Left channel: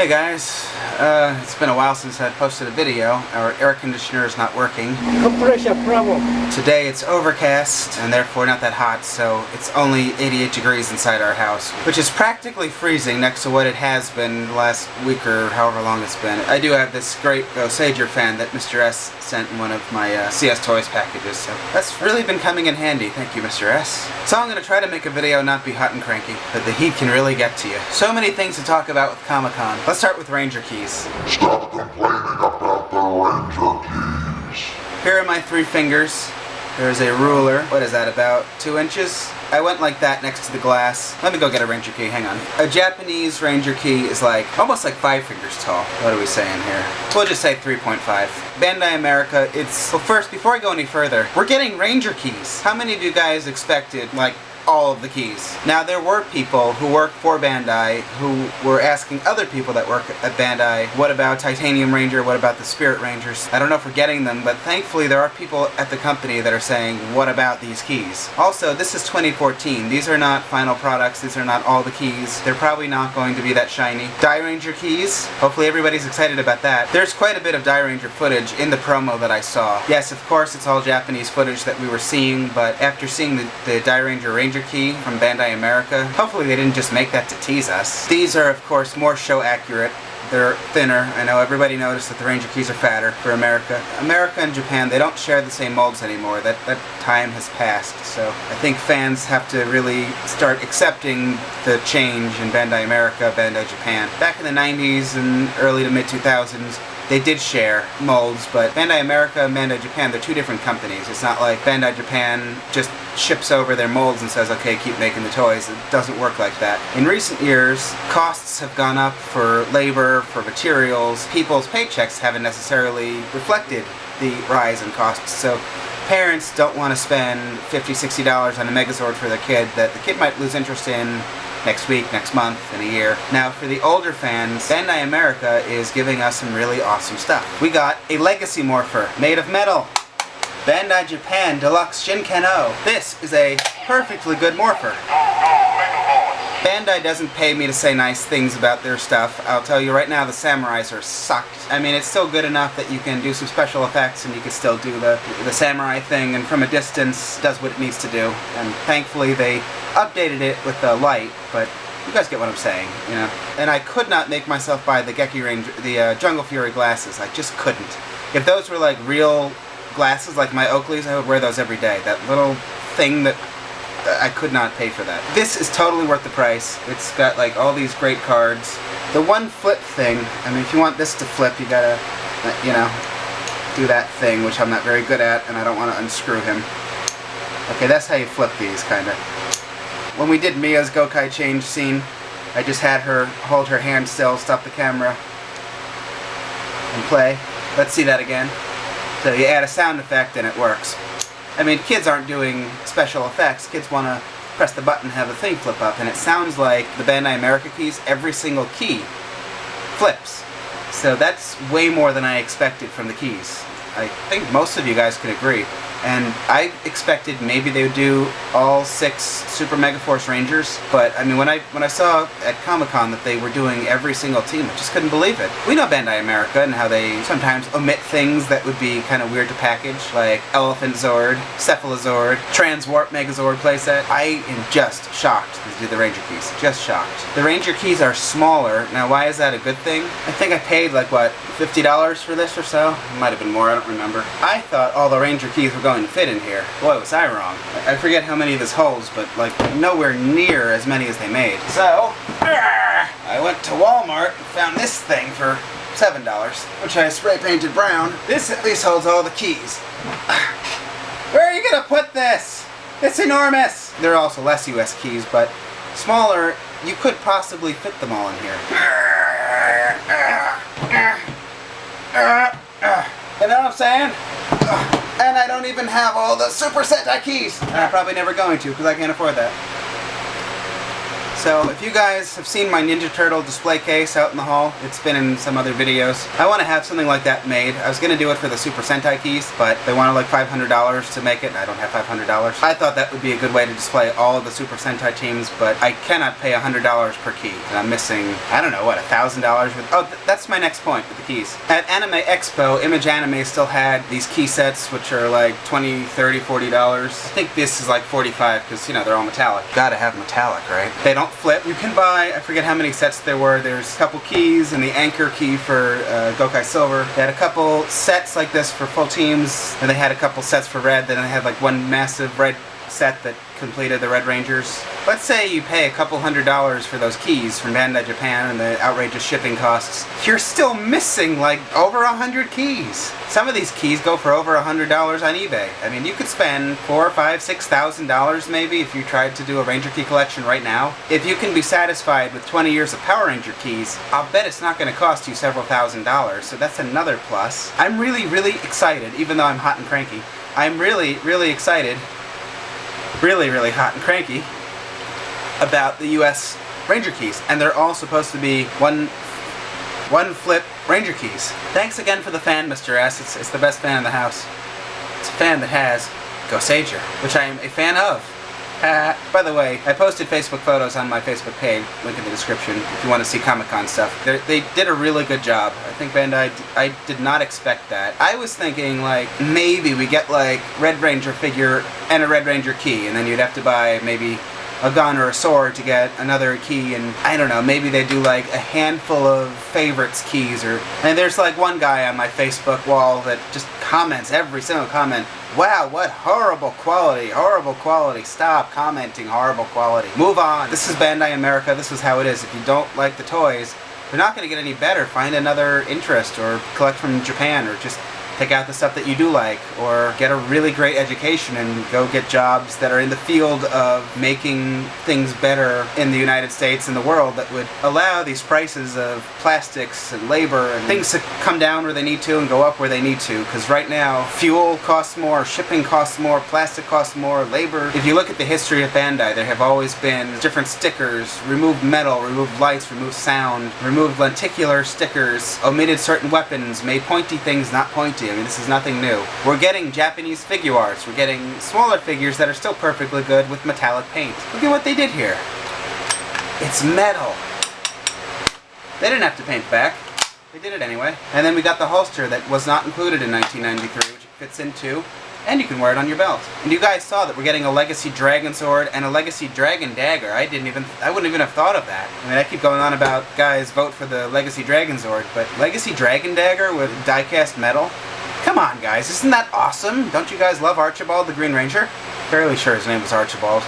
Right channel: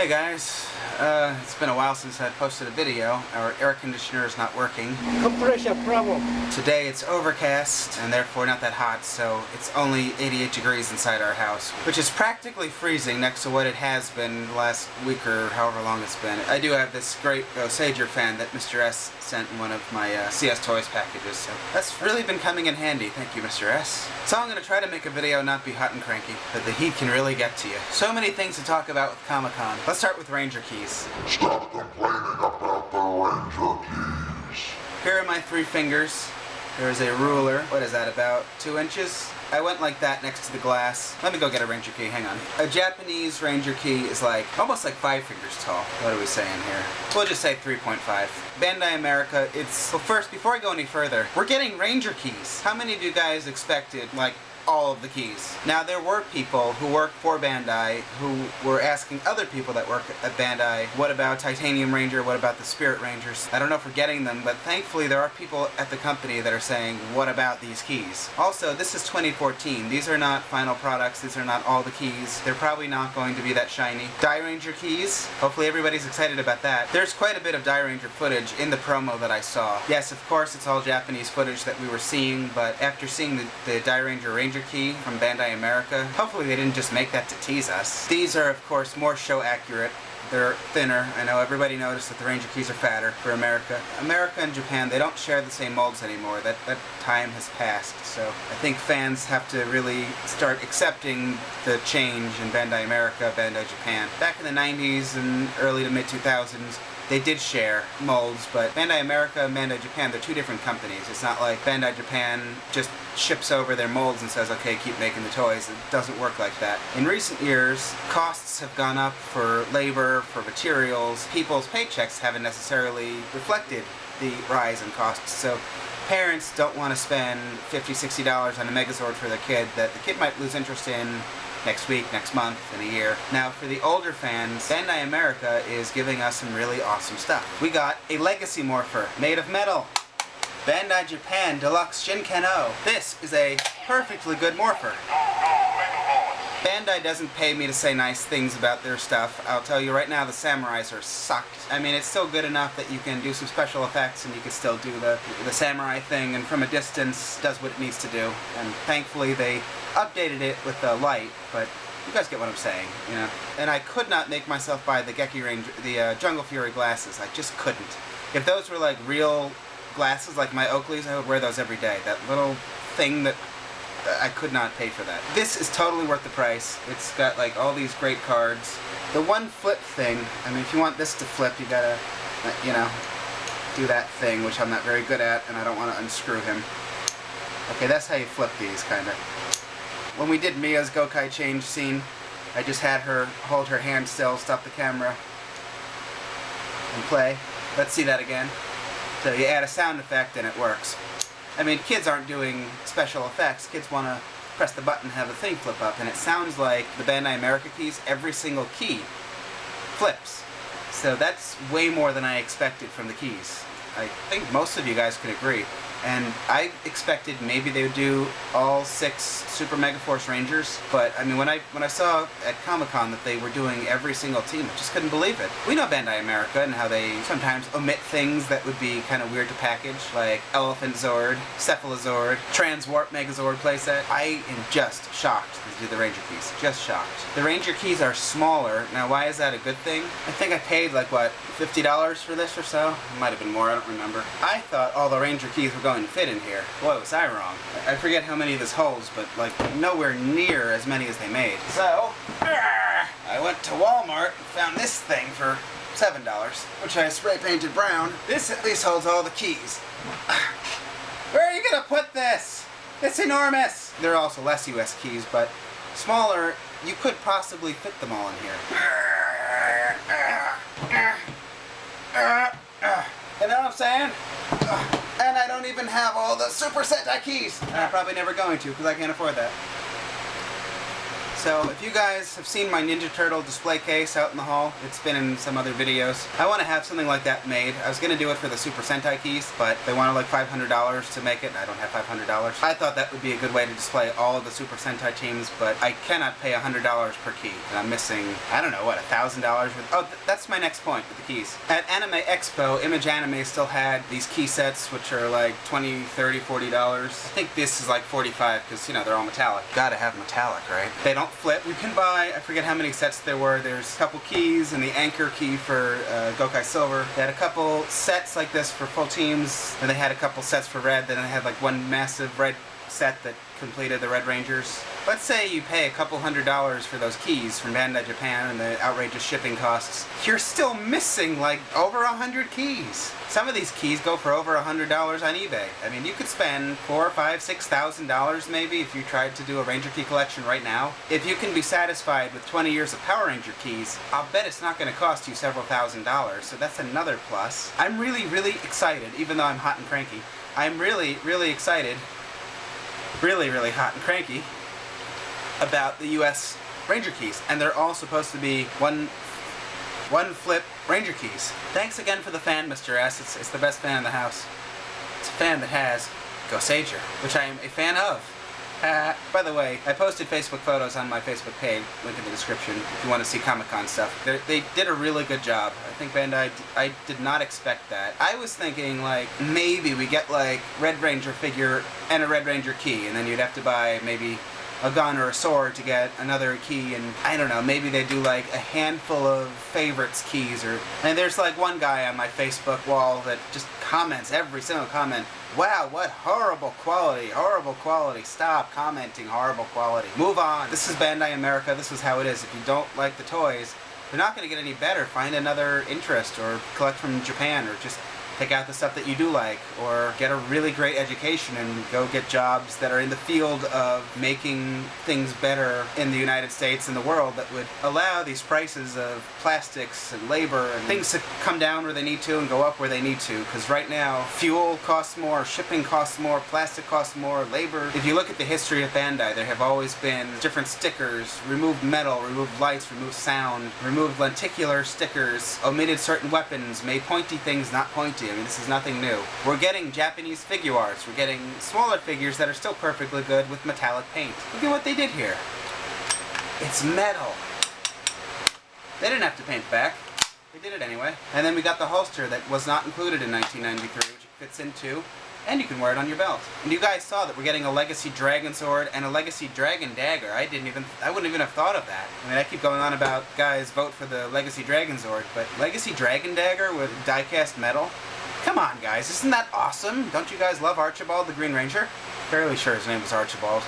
Hey guys, it's been a while since I posted a video. Our air conditioner is not working. Compression problem. Today it's overcast and therefore not that hot, so it's only 88 degrees inside our house, which is practically freezing next to what it has been the last week or however long it's been. I do have this great Goseiger Fan that Mr. S sent in one of my CS Toys packages, so that's really been coming in handy. Thank you, Mr. S. So I'm going to try to make a video not be hot and cranky, but the heat can really get to you. So many things to talk about with Comic-Con. Let's start with Ranger keys. Stop complaining about the Ranger keys. Here are my 3 fingers. There's a ruler. What is that, about 2 inches? I went like that next to the glass. Let me go get a Ranger key, hang on. A Japanese Ranger key is like, almost like 5 fingers tall. What are we saying here? We'll just say 3.5. Bandai America, it's, well first, before I go any further, we're getting Ranger keys. How many of you guys expected, like, all of the keys? Now, there were people who work for Bandai who were asking other people that work at Bandai, what about Titanium Ranger, what about the Spirit Rangers? I don't know if we're getting them, but thankfully there are people at the company that are saying, what about these keys? Also, this is 2014. These are not final products, these are not all the keys. They're probably not going to be that shiny. Die Ranger keys, hopefully everybody's excited about that. There's quite a bit of Die Ranger footage in the promo that I saw. Yes, of course, it's all Japanese footage that we were seeing, but after seeing the Die Ranger key from Bandai America, hopefully they didn't just make that to tease us. These are, of course, more show accurate. They're thinner. I know everybody noticed that the Ranger keys are fatter for America. America and Japan, they don't share the same molds anymore. That time has passed. So I think fans have to really start accepting the change in Bandai America, Bandai Japan. Back in the 90s and early to mid 2000s, they did share molds, but Bandai America and Bandai Japan, they're 2 different companies. It's not like Bandai Japan just ships over their molds and says, okay, keep making the toys. It doesn't work like that. In recent years, costs have gone up for labor, for materials. People's paychecks haven't necessarily reflected the rise in costs, so parents don't want to spend $50, $60 on a Megazord for their kid that the kid might lose interest in next week, next month, in a year. Now, for the older fans, Bandai America is giving us some really awesome stuff. We got a Legacy Morpher made of metal. Bandai Japan Deluxe Shinken-O. This is a perfectly good Morpher. Bandai doesn't pay me to say nice things about their stuff. I'll tell you right now, the samurais are sucked. I mean, it's still good enough that you can do some special effects and you can still do the samurai thing, and from a distance does what it needs to do. And thankfully they updated it with the light, but you guys get what I'm saying, you know. And I could not make myself buy the Jungle Fury glasses. I just couldn't. If those were like real glasses, like my Oakleys, I would wear those every day. That little thing that I could not pay for that. This is totally worth the price. It's got like all these great cards. The one flip thing, I mean, if you want this to flip, you gotta, you know, do that thing, which I'm not very good at, and I don't want to unscrew him. Okay, that's how you flip these, kinda. When we did Mia's Gokai change scene, I just had her hold her hand still, stop the camera, and play. Let's see that again. So you add a sound effect and it works. I mean, kids aren't doing special effects. Kids want to press the button and have the thing flip up, and it sounds like the Bandai America keys, every single key flips. So that's way more than I expected from the keys. I think most of you guys can agree. And I expected maybe they would do all 6 Super Mega Force Rangers, but I mean, when I saw at Comic-Con that they were doing every single team, I just couldn't believe it. We know Bandai America and how they sometimes omit things that would be kind of weird to package, like Elephant Zord, Cephalozord, Transwarp Megazord playset. I am just shocked to do the Ranger keys. Just shocked. The Ranger keys are smaller. Now, why is that a good thing? I think I paid like, what, $50 for this or so? It might have been more, I don't remember. I thought all the Ranger keys were going to fit in here. Boy, was I wrong. I forget how many this holds, but like nowhere near as many as they made. So, I went to Walmart and found this thing for $7, which I spray painted brown. This at least holds all the keys. Where are you gonna put this? It's enormous! There are also less US keys, but smaller, you could possibly fit them all in here. You know what I'm saying? And I don't even have all the Super Sentai keys. And I'm probably never going to, because I can't afford that. So if you guys have seen my Ninja Turtle display case out in the hall, it's been in some other videos. I want to have something like that made. I was going to do it for the Super Sentai keys, but they wanted like $500 to make it, and I don't have $500. I thought that would be a good way to display all of the Super Sentai teams, but I cannot pay $100 per key. And I'm missing, I don't know, what, $1,000 with... Oh, that's my next point with the keys. At Anime Expo, Image Anime still had these key sets, which are like $20, $30, $40. I think this is like $45, because, you know, they're all metallic. Gotta have metallic, right? They don't flip. You can buy, I forget how many sets there were. There's a couple keys and the anchor key for Gokai Silver. They had a couple sets like this for full teams, and they had a couple sets for red. Then they had like one massive red set that completed the Red Rangers. Let's say you pay a couple $100 for those keys from Bandai Japan and the outrageous shipping costs. You're still missing like over 100 keys. Some of these keys go for over $100 on eBay. I mean, you could spend $4,000, $5,000, $6,000 maybe if you tried to do a Ranger key collection right now. If you can be satisfied with 20 years of Power Ranger keys, I'll bet it's not going to cost you several $1,000s, so that's another plus. I'm really, really excited, even though I'm hot and cranky. I'm really, really excited, really, really hot and cranky about the US Ranger keys, and they're all supposed to be one flip Ranger keys. Thanks again for the fan, Mr. S. It's the best fan in the house. It's a fan that has Goseiger, which I am a fan of. By the way, I posted Facebook photos on my Facebook page, link in the description, if you want to see Comic-Con stuff. They did a really good job. I think Bandai, I did not expect that. I was thinking, like, maybe we get, like, Red Ranger figure and a Red Ranger key, and then you'd have to buy maybe a gun or a sword to get another key, and I don't know, maybe they do like a handful of favorites keys, and there's like one guy on my Facebook wall that just comments every single comment, wow, what horrible quality, stop commenting horrible quality, move on. This is Bandai America, this is how it is. If you don't like the toys, they're not going to get any better. Find another interest, or collect from Japan, or just pick out the stuff that you do like, or get a really great education and go get jobs that are in the field of making things better in the United States and the world that would allow these prices of plastics and labor and things to come down where they need to and go up where they need to. Because right now, fuel costs more, shipping costs more, plastic costs more, labor. If you look at the history of Bandai, there have always been different stickers, removed metal, removed lights, removed sound, removed lenticular stickers, omitted certain weapons, made pointy things not pointy. I mean, this is nothing new. We're getting Japanese Figuarts. We're getting smaller figures that are still perfectly good with metallic paint. Look at what they did here. It's metal. They didn't have to paint back. They did it anyway. And then we got the holster that was not included in 1993, which it fits into, and you can wear it on your belt. And you guys saw that we're getting a Legacy Dragon Sword and a Legacy Dragon Dagger. I wouldn't even have thought of that. I mean, I keep going on about, guys, vote for the Legacy Dragon Sword, but Legacy Dragon Dagger with die-cast metal? Come on, guys, isn't that awesome? Don't you guys love Archibald the Green Ranger? Fairly sure his name was Archibald.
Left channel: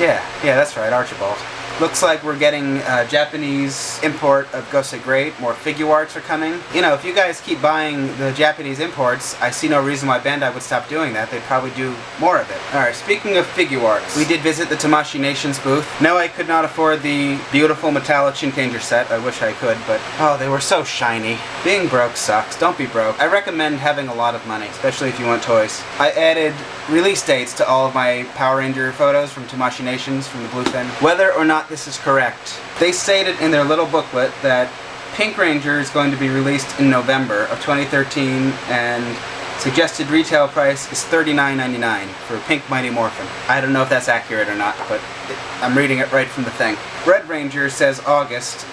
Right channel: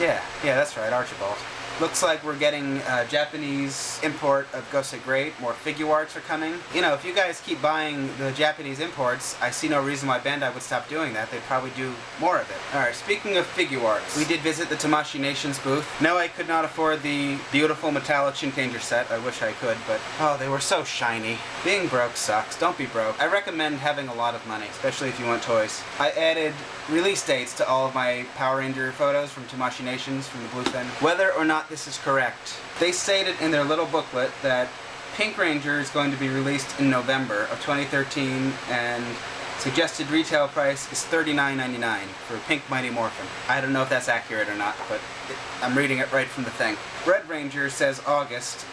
Yeah, that's right, Archibald. Looks like we're getting a Japanese import of Goseiger Great. More Figuarts are coming. You know, if you guys keep buying the Japanese imports, I see no reason why Bandai would stop doing that. They'd probably do more of it. Alright, speaking of Figuarts, we did visit the Tamashii Nations booth. No, I could not afford the beautiful metallic Shinkanger set. I wish I could, but oh, they were so shiny. Being broke sucks. Don't be broke. I recommend having a lot of money, especially if you want toys. I added release dates to all of my Power Ranger photos from Tamashii Nations from the Bluefin. Whether or not this is correct, they stated in their little booklet that Pink Ranger is going to be released in November of 2013, and suggested retail price is $39.99 for Pink Mighty Morphin. I don't know if that's accurate or not, but I'm reading it right from the thing. Red Ranger says August.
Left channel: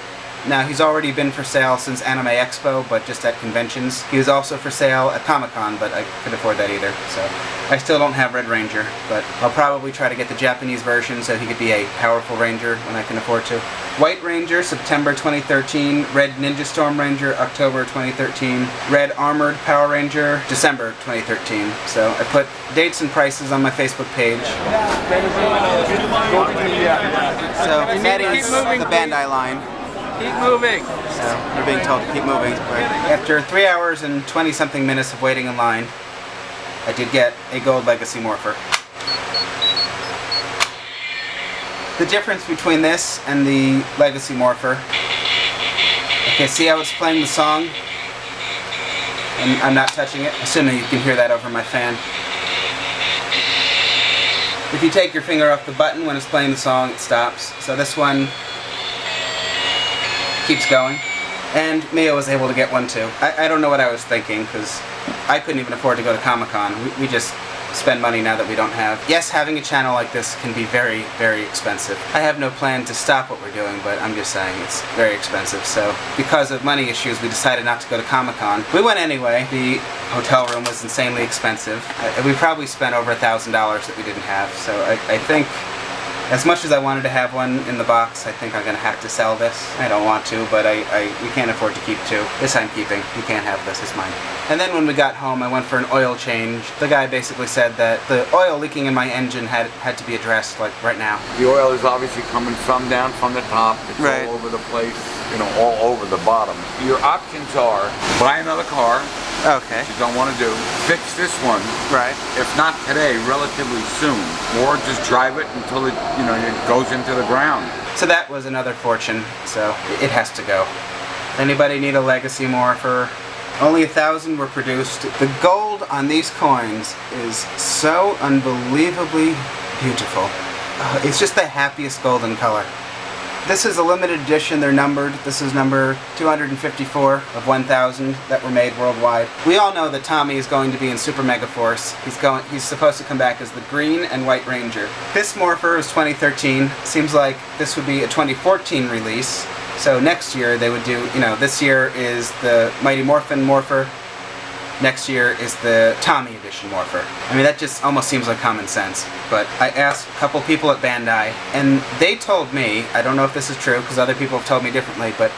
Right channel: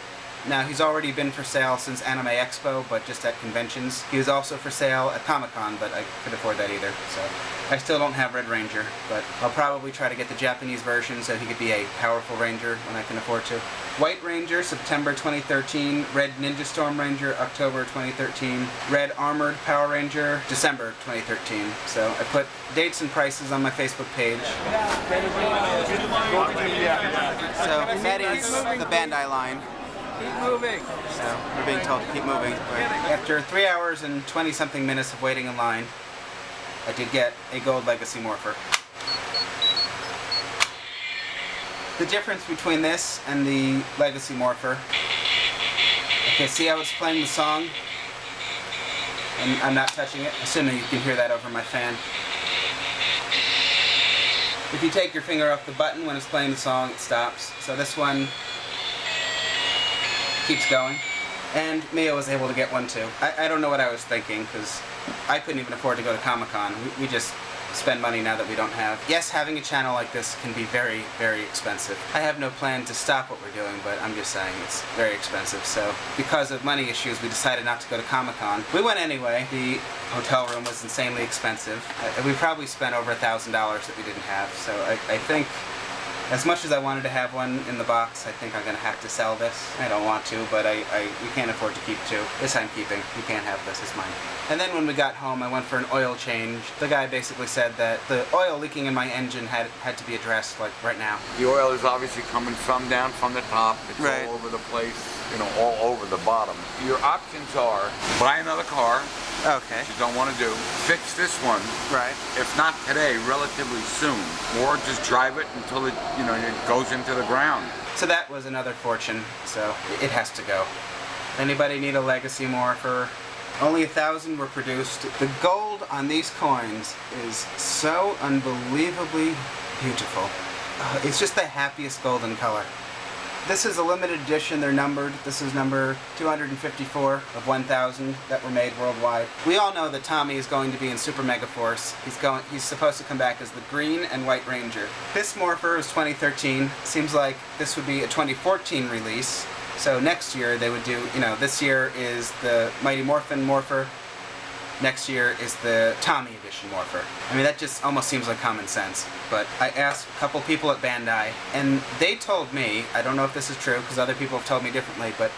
Now, he's already been for sale since Anime Expo, but just at conventions. He was also for sale at Comic-Con, but I couldn't afford that either, so I still don't have Red Ranger, but I'll probably try to get the Japanese version so he could be a powerful Ranger when I can afford to. White Ranger, September 2013. Red Ninja Storm Ranger, October 2013. Red Armored Power Ranger, December 2013. So I put dates and prices on my Facebook page. So that is the Bandai line. Keep moving. So we're being told to keep moving. But after 3 hours and 20-something minutes of waiting in line, I did get a gold Legacy Morpher. The difference between this and the Legacy Morpher. Okay, see how it's playing the song? And I'm not touching it, assuming you can hear that over my fan. If you take your finger off the button when it's playing the song, it stops. So this one keeps going. And Mia was able to get one too. I don't know what I was thinking, because I couldn't even afford to go to Comic-Con. We just spend money now that we don't have. Yes, having a channel like this can be very, very expensive. I have no plan to stop what we're doing, but I'm just saying it's very expensive. So because of money issues, we decided not to go to Comic-Con. We went anyway. The hotel room was insanely expensive. We probably spent over $1,000 that we didn't have. So I think, as much as I wanted to have one in the box, I think I'm going to have to sell this. I don't want to, but we can't afford to keep two. This I'm keeping. You can't have this. It's mine. And then when we got home, I went for an oil change. The guy basically said that the oil leaking in my engine had to be addressed, like, right now. The oil is obviously coming down from the top. It's right all over the place, you know, all over the bottom. Your options are buy another car. Okay. Which you don't want to do. Fix this one. Right. If not today, relatively soon. Or just drive it until it, you know, it goes into the ground. So that was another fortune. So it has to go. Anybody need a legacy Morpher? Only 1,000 were produced. The gold on these coins is so unbelievably beautiful. It's just the happiest golden color. This is a limited edition. They're numbered. This is number 254 of 1,000 that were made worldwide. We all know that Tommy is going to be in Super Mega Force. He's supposed to come back as the Green and White Ranger. This Morpher is 2013. Seems like this would be a 2014 release. So next year they would do, you know, this year is the Mighty Morphin Morpher. Next year is the Tommy Edition Morpher. I mean, that just almost seems like common sense. But I asked a couple people at Bandai, and they told me, I don't know if this is true, because other people have told me differently, but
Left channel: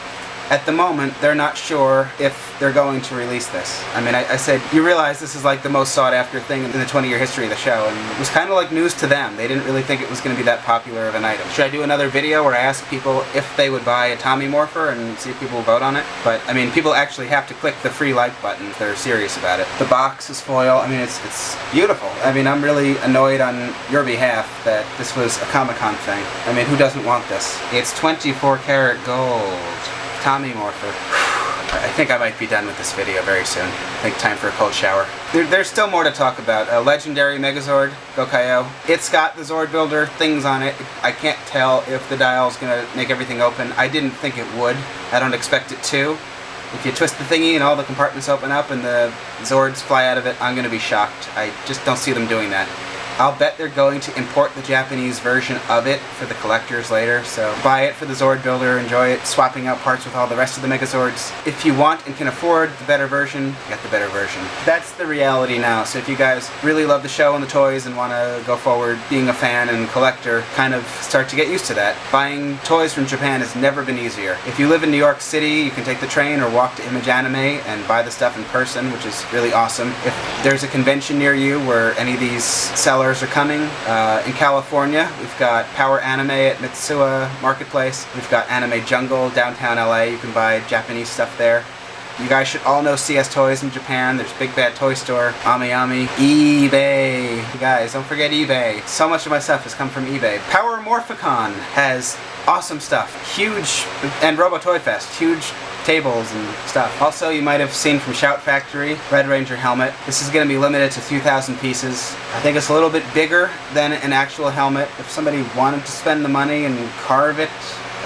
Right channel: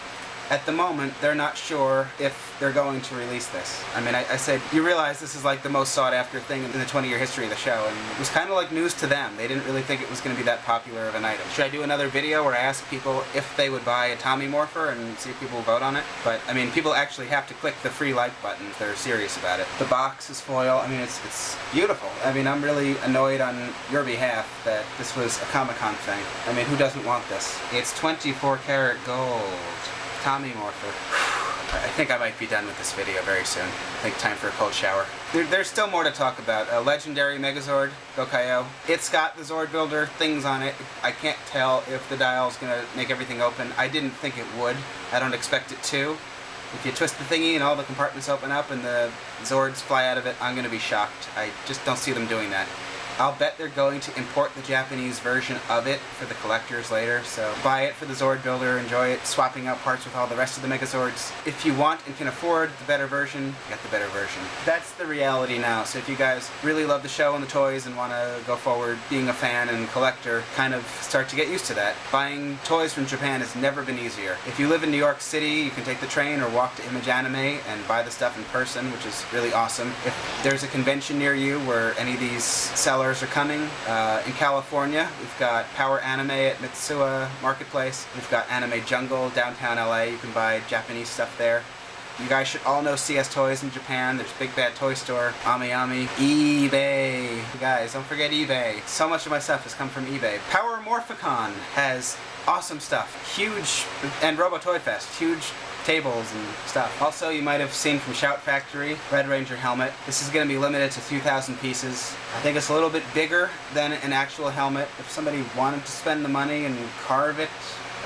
at the moment, they're not sure if they're going to release this. I mean, I said, you realize this is like the most sought after thing in the 20-year history of the show, and it was kind of like news to them. They didn't really think it was going to be that popular of an item. Should I do another video where I ask people if they would buy a Tommy Morpher and see if people will vote on it? But, I mean, people actually have to click the free like button if they're serious about it. The box is foil. I mean, it's beautiful. I mean, I'm really annoyed on your behalf that this was a Comic-Con thing. I mean, who doesn't want this? It's 24 karat gold. Tommy Morpher. I think I might be done with this video very soon. I think time for a cold shower. There's still more to talk about. A legendary Megazord, Gokaiyo. It's got the Zord Builder things on it. I can't tell if the dial's gonna make everything open. I didn't think it would. I don't expect it to. If you twist the thingy and all the compartments open up and the Zords fly out of it, I'm gonna be shocked. I just don't see them doing that. I'll bet they're going to import the Japanese version of it for the collectors later, so buy it for the Zord Builder, enjoy it, swapping out parts with all the rest of the Megazords. If you want and can afford the better version, get the better version. That's the reality now, so if you guys really love the show and the toys and want to go forward being a fan and collector, kind of start to get used to that. Buying toys from Japan has never been easier. If you live in New York City, you can take the train or walk to Image Anime and buy the stuff in person, which is really awesome. If there's a convention near you where any of these sellers are coming. In California, we've got Power Anime at Mitsuya Marketplace. We've got Anime Jungle downtown LA. You can buy Japanese stuff there. You guys should all know CS Toys in Japan. There's Big Bad Toy Store, Ami, eBay. You guys, don't forget eBay. So much of my stuff has come from eBay. Power Morphicon has awesome stuff. Huge, and Robo Toy Fest, huge tables and stuff. Also, you might have seen from Shout Factory, Red Ranger helmet. This is going to be limited to 2,000 pieces. I think it's a little bit bigger than an actual helmet. If somebody wanted to spend the money and carve it,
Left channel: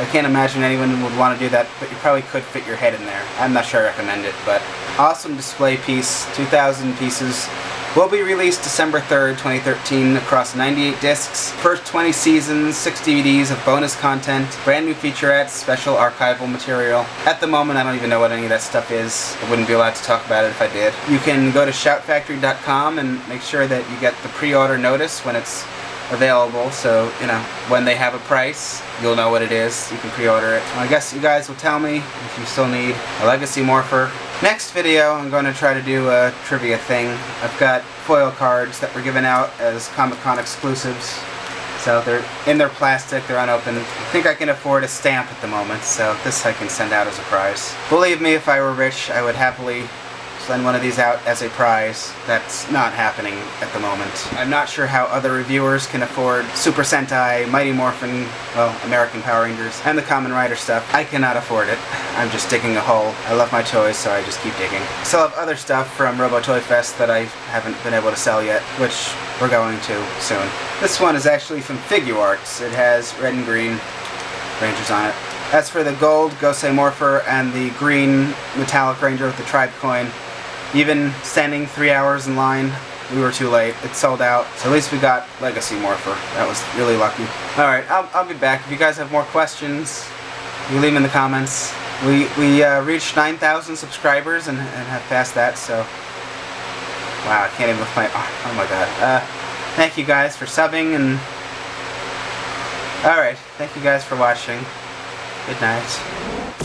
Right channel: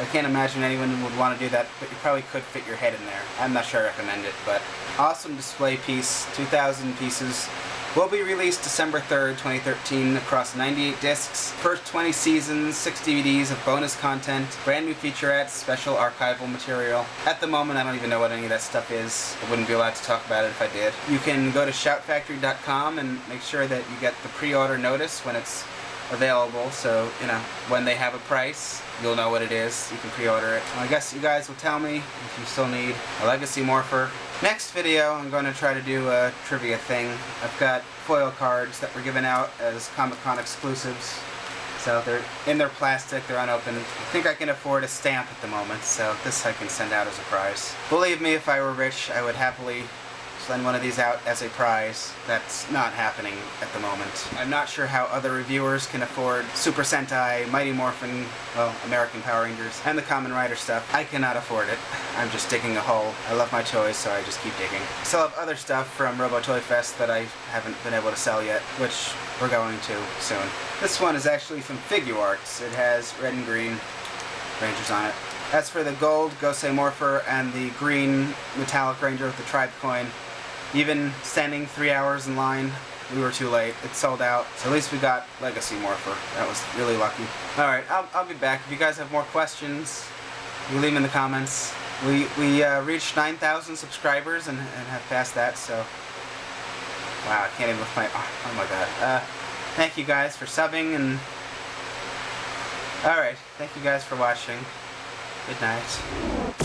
I can't imagine anyone would want to do that, but you probably could fit your head in there. I'm not sure I recommend it, but awesome display piece, 2,000 pieces. Will be released December 3rd, 2013 across 98 discs. First 20 seasons, 6 DVDs of bonus content, brand new featurettes, special archival material. At the moment, I don't even know what any of that stuff is. I wouldn't be allowed to talk about it if I did. You can go to shoutfactory.com and make sure that you get the pre-order notice when it's available, so, you know, when they have a price, you'll know what it is. You can pre-order it. I guess you guys will tell me if you still need a Legacy Morpher. Next video, I'm going to try to do a trivia thing. I've got foil cards that were given out as Comic-Con exclusives. So they're in their plastic, they're unopened. I think I can afford a stamp at the moment, so this I can send out as a prize. Believe me, if I were rich, I would happily send one of these out as a prize. That's not happening at the moment. I'm not sure how other reviewers can afford Super Sentai, Mighty Morphin, well, American Power Rangers, and the Kamen Rider stuff. I cannot afford it. I'm just digging a hole. I love my toys, so I just keep digging. I still have other stuff from Robo Toy Fest that I haven't been able to sell yet, which we're going to soon. This one is actually from Figuarts. It has red and green Rangers on it. As for the gold Goseiger Morpher and the green metallic Ranger with the tribe coin, even standing 3 hours in line, we were too late. It sold out. So at least we got Legacy Morpher. That was really lucky. Alright, I'll be back. If you guys have more questions, you leave them in the comments. We reached 9,000 subscribers and have passed that, so... Wow, I can't even lift my... Oh my god. Thank you guys for subbing and... Alright, thank you guys for watching. Good night.